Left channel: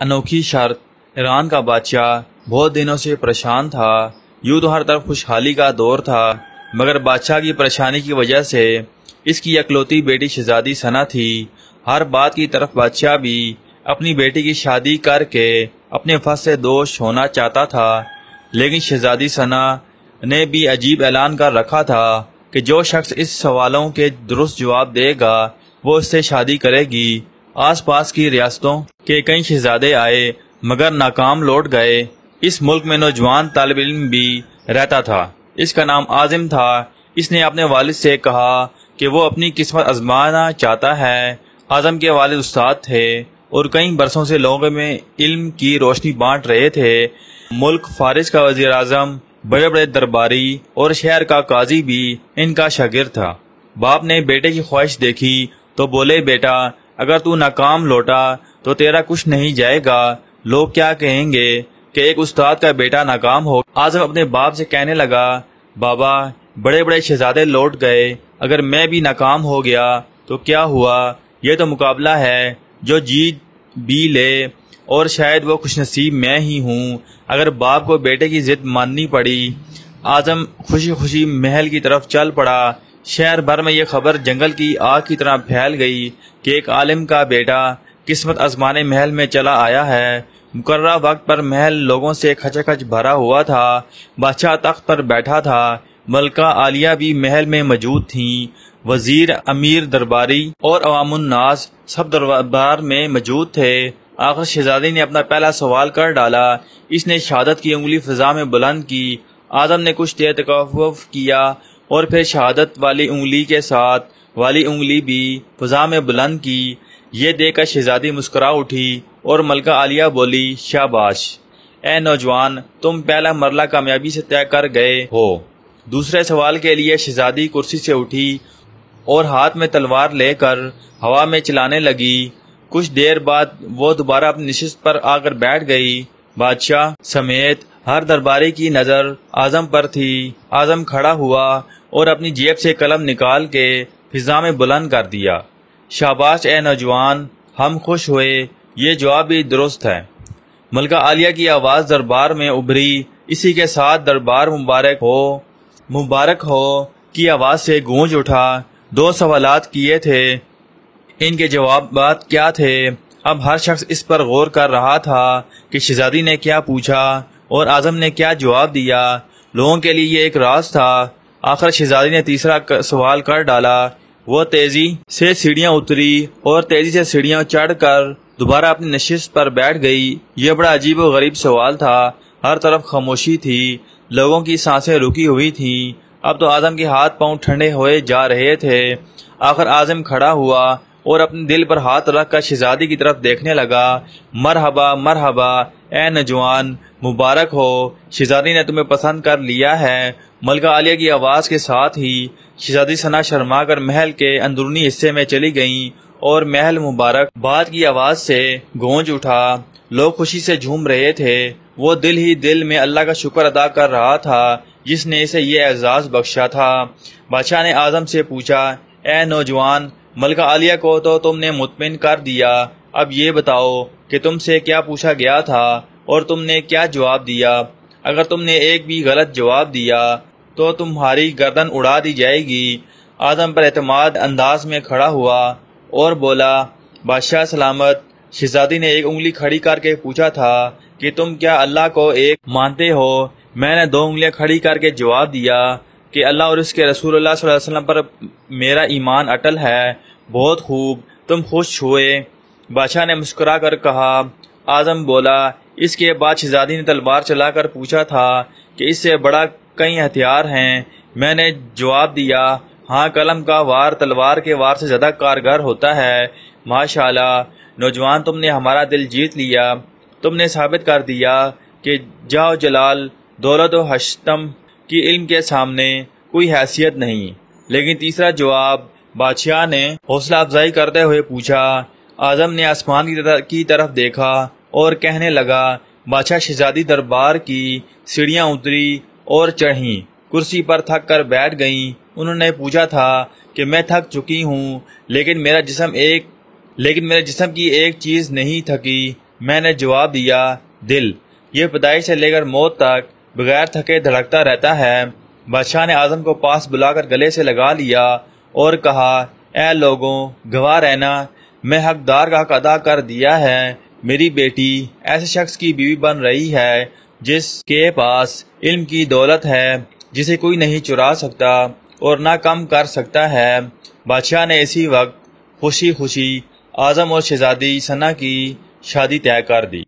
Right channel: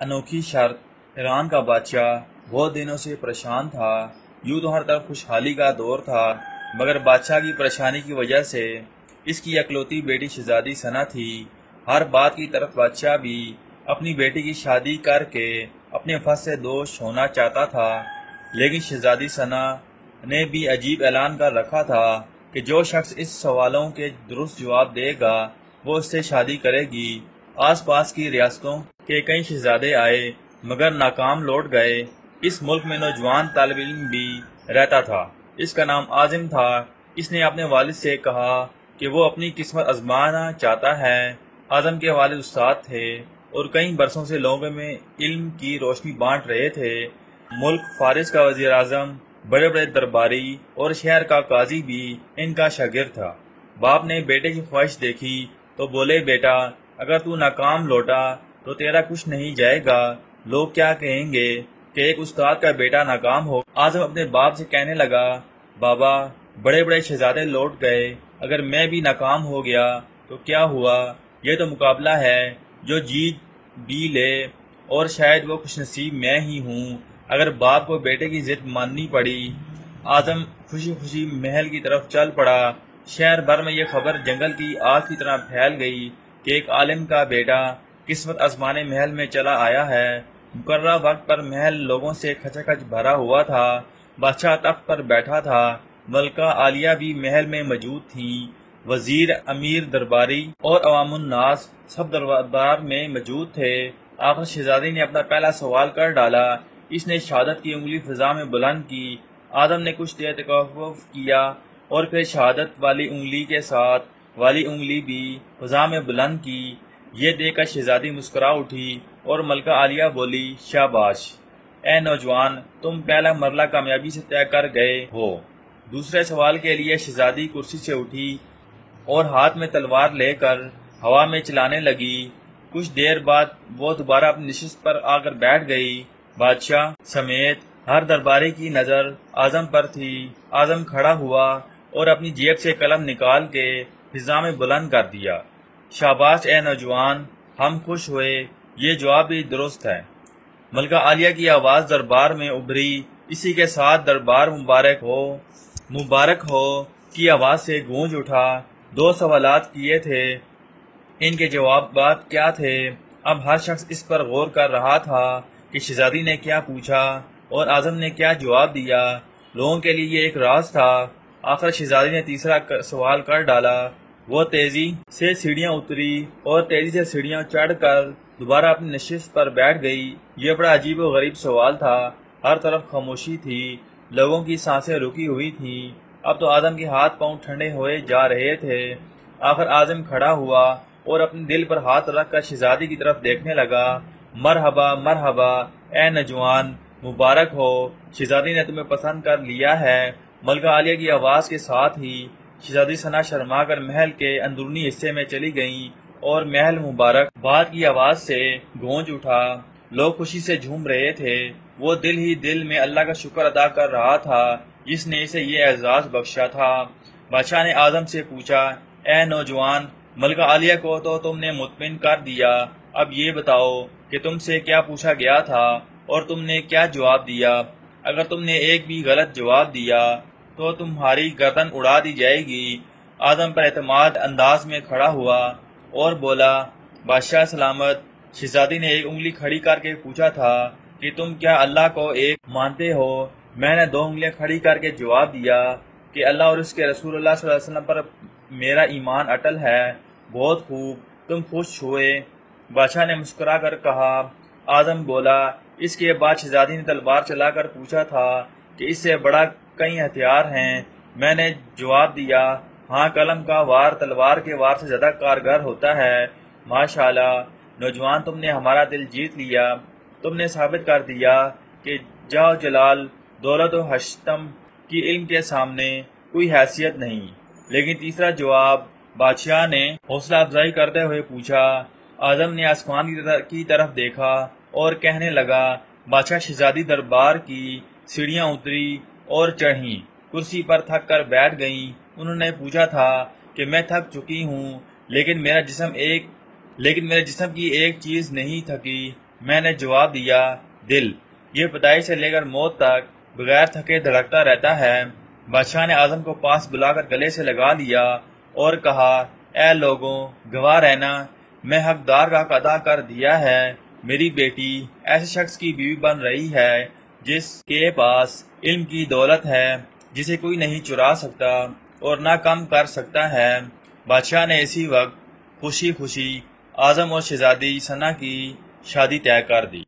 انوکھی شرط۔ ایران کا بادشاہ بہت دنوں سے پریشان تھا۔ یوں تو ہر طرف خوشحالی کا دور تھا، مگر بادشاہ کی پریشانی کی وجہ سے اس کی اکلوتی بیٹی شہزادی ثنا تھی۔ ہر بات کی طرف بادشاہ بھی اپنی بیٹی کی شادی کر کے اپنے فخر سے دوش ہونا چاہتا تھا، لیکن شہزادی ثنا نے بھی عجیب اعلان کر رکھا تھا کہ جو شخص اس سوالوں کے درست جواب دے گا وہ اس سے شادی کرے گی۔ آس پاس کی ریاستوں کے کئی شہزادے آئے مگر ناکام لوٹ گئے۔ اس ملک میں نوجوان طالب علم بھی رہتا تھا، اس کا نام عاظم تھا۔ اس نے اپنے والد سے کہا کہ وہ اپنی قسمت آزمانا چاہتا ہے۔ عاظم کے والد استاد تھے اور کئی برسوں سے لوگوں میں علم کی روشنی بانٹ رہے تھے۔ ملک فارس کا وزیر اعظم، بڑے بڑے درباری اور شہر کا قاضی بھی ان کا شاگرد تھا۔ باپ نے بیٹے کی خواہش دیکھی تو بولے، بیٹا اگر تو ناکام لوٹا تو تیرا کچھ نہیں جائے گا، لوگ کیا کہیں گے کہ ایک استاد کا بیٹا ناکام ہو۔ عاظم اپنے باپ سے کہنے لگا، بابا بڑے بڑے شہزادے لوٹ گئے، اگر میں بھی ناکام ہو گیا تو کیا ہوا؟ یہ تو مقابلہ ہے، جو جیت بھی لے، اور شاید وہ خوش نصیب میں ہی ہوں۔ اگر باپ کو بیٹے کی ضد ماننی پڑی۔ عاظم خوشی خوشی محل کی طرف چل پڑا۔ شہر بھر میں یہ خبر جنگل کی آگ کی طرح پھیل گئی کہ ایک عالم کا بیٹا قسمت آزمانے محل میں چلا آیا ہے۔ مقررہ وقت پر محل لوگوں سے کھچا کھچ بھرا ہوا تھا۔ بادشاہ تخت پر بیٹھا تھا، ملکہ عالیہ بھی محل میں موجود تھیں، وزیر، امیر، درباری اور عوام الناس سب دربار میں موجود تھے۔ آخر شہزادی نے اپنا پہلا سوال کر ڈالا۔ اس نے شہادت کی انگلی فضا میں بلند کی۔ عاظم نے کچھ دیر توقف کیا اور پھر شہادت والی انگلی کے ساتھ والی انگلی بھی فضا میں بلند کی۔ یہ دیکھ کر شہزادی مسکرا اٹھی اور ملکہ عالیہ بولی، شاباش اے نوجوان، تم پہلا مرحلہ کامیابی سے طے کر گئے ہو۔ دوسرے سوال کے لیے شہزادی کرسی سے اٹھی اور ہاتھ میں تلوار لے کر ہوا میں چلانے لگی۔ کچھ دیر بعد وہ دوبارہ اپنی نشست پر آ کر بیٹھ گئی۔ بادشاہ سمیت ہر درباری کی نظر اعظم پر تھی۔ اعظم کھڑا ہوا اور اپنی جیب سے قلم نکال کے فضا میں بلند کر دیا۔ شاباش اے نوجوان، ہم خوش ہوئے، یہ جواب بھی درست ہے۔ ملکہ عالیہ کی آواز دربار میں ابھری۔ اسی کے ساتھ دربار مبارک ہو کی آواز سے گونج اٹھا۔ 2 سوالات کیے تھے، ان کے جوابات کیا تھے؟ اب ہر شخص اس پر غور کر رہا تھا کہ شہزادی نے کیا پوچھا اور اعظم نے کیا جواب دیا۔ لوگوں کے لیے یہ ایک راز تھا۔ آخر شہزادی نے تیسرا سوال کر ڈالا۔ وہ تیزی سے سیڑھیاں اتری اور تیزی سے سیڑھیاں چڑھ کر دوبارہ اپنی نشست پر بیٹھ گئی۔ یہ بڑا عجیب و غریب سوال تھا۔ ہر طرف خاموشی تھی، لوگوں کی سانسیں رکی ہوئی تھیں۔ اب تو اعظم کے ہاتھ پاؤں ٹھنڈے ہوئے جا رہے تھے۔ آخر اعظم کھڑا ہوا اور اپنے دل پر ہاتھ رکھ کر شہزادی کی طرف دیکھنے لگا۔ مرحبا مرحبا اے نوجوان، مبارک ہو، شہزادی نے تمہیں پسند کر لیا ہے۔ ملکہ عالیہ کی آواز کے ساتھ ہی شہزادی ثنا شرما کر محل کے اندرونی حصے میں چلی گئیں اور محل مبارک باد کی آواز سے گونج اٹھا۔ لوگ خوشی سے جھوم رہے تھے۔ وہ دل ہی دل میں اللہ کا شکر ادا کر رہا تھا جس نے اسے یہ اعزاز بخشا تھا۔ بادشاہ نے اعظم سے پوچھا، اے نوجوان، ملکہ عالیہ کو تو تم نے مطمئن کر دیا، اب یہ بتاؤ کہ تم سے کیا پوچھا گیا تھا اور تم نے کیا جواب دیا؟ اگر تم نے ایک بھی غلط جواب دیا تو تمہاری گردن اڑا دی جائے گی۔ اعظم پر اعتماد انداز میں کھڑا ہوا اور بولا، بادشاہ سلامت۔ شہزادی نے ایک انگلی کھڑی کر کے پوچھا تھا کہ تم کیا اللہ کو ایک مانتے ہو؟ میں نے 2 انگلیاں کھڑی کر کے جواب دیا کہ اللہ اور اس کے رسول اللہ صلی اللہ علیہ وسلم پر میرا ایمان اٹل ہے۔ بہت خوب، تم خوش ہوئے؟ بادشاہ نے مسکرا کر کہا۔ اعظم بولا، اس کے بعد شہزادی نے تلوار چلا کر پوچھا تھا کہ اس سے بڑا کئی ہتھیار ہیں؟ میں نے جواب دیا، ہاں، قلم کا وار تلوار کے وار سے زیادہ کارگر ہوتا ہے۔ ماشاءاللہ نوجوان، تم نے ہمارا دل جیت لیا۔ تم نے ثابت کر دیا کہ جاہ و جلال، دولت و حشتم کی علم کے سامنے کوئی حیثیت نہیں۔ لیکن تیسرا جواب؟ بادشاہ نے حوصلہ افزائی کرتے ہوئے پوچھا۔ اعظم نے آسمان کی طرف دیکھا اور کہنے لگا، بادشاہ شہزادی دربار کی سیڑھیاں اتری اور چڑھیں، کرسی پر تھک کر بیٹھ گئیں۔ انہوں نے پوچھا تھا کہ میں تھک چکی ہوں، لیکن میرے جسم کی ایک چیز نہیں تھکی، میں نے جواب دیا، دل، یہ پیدائش سے لے کر موت تک بغیر تھکے دھڑکتا رہتا ہے۔ بادشاہ نے اعظم کو پاس بلا کر گلے سے لگا لیا اور کہا، اے لوگوں، گواہ رہنا، میں حقدار کا حق ادا کر دیا ہے۔ میری بیٹی ایسے شخص کی بیوی بن رہی ہے جس کے پاس علم کی دولت ہے جسے کوئی نہیں چرا سکتا اور نہ کم کر سکتا ہے۔ بادشاہ نے اسی وقت خوشی خوشی اعظم اور شہزادی ثنا کی شادی طے کر دی۔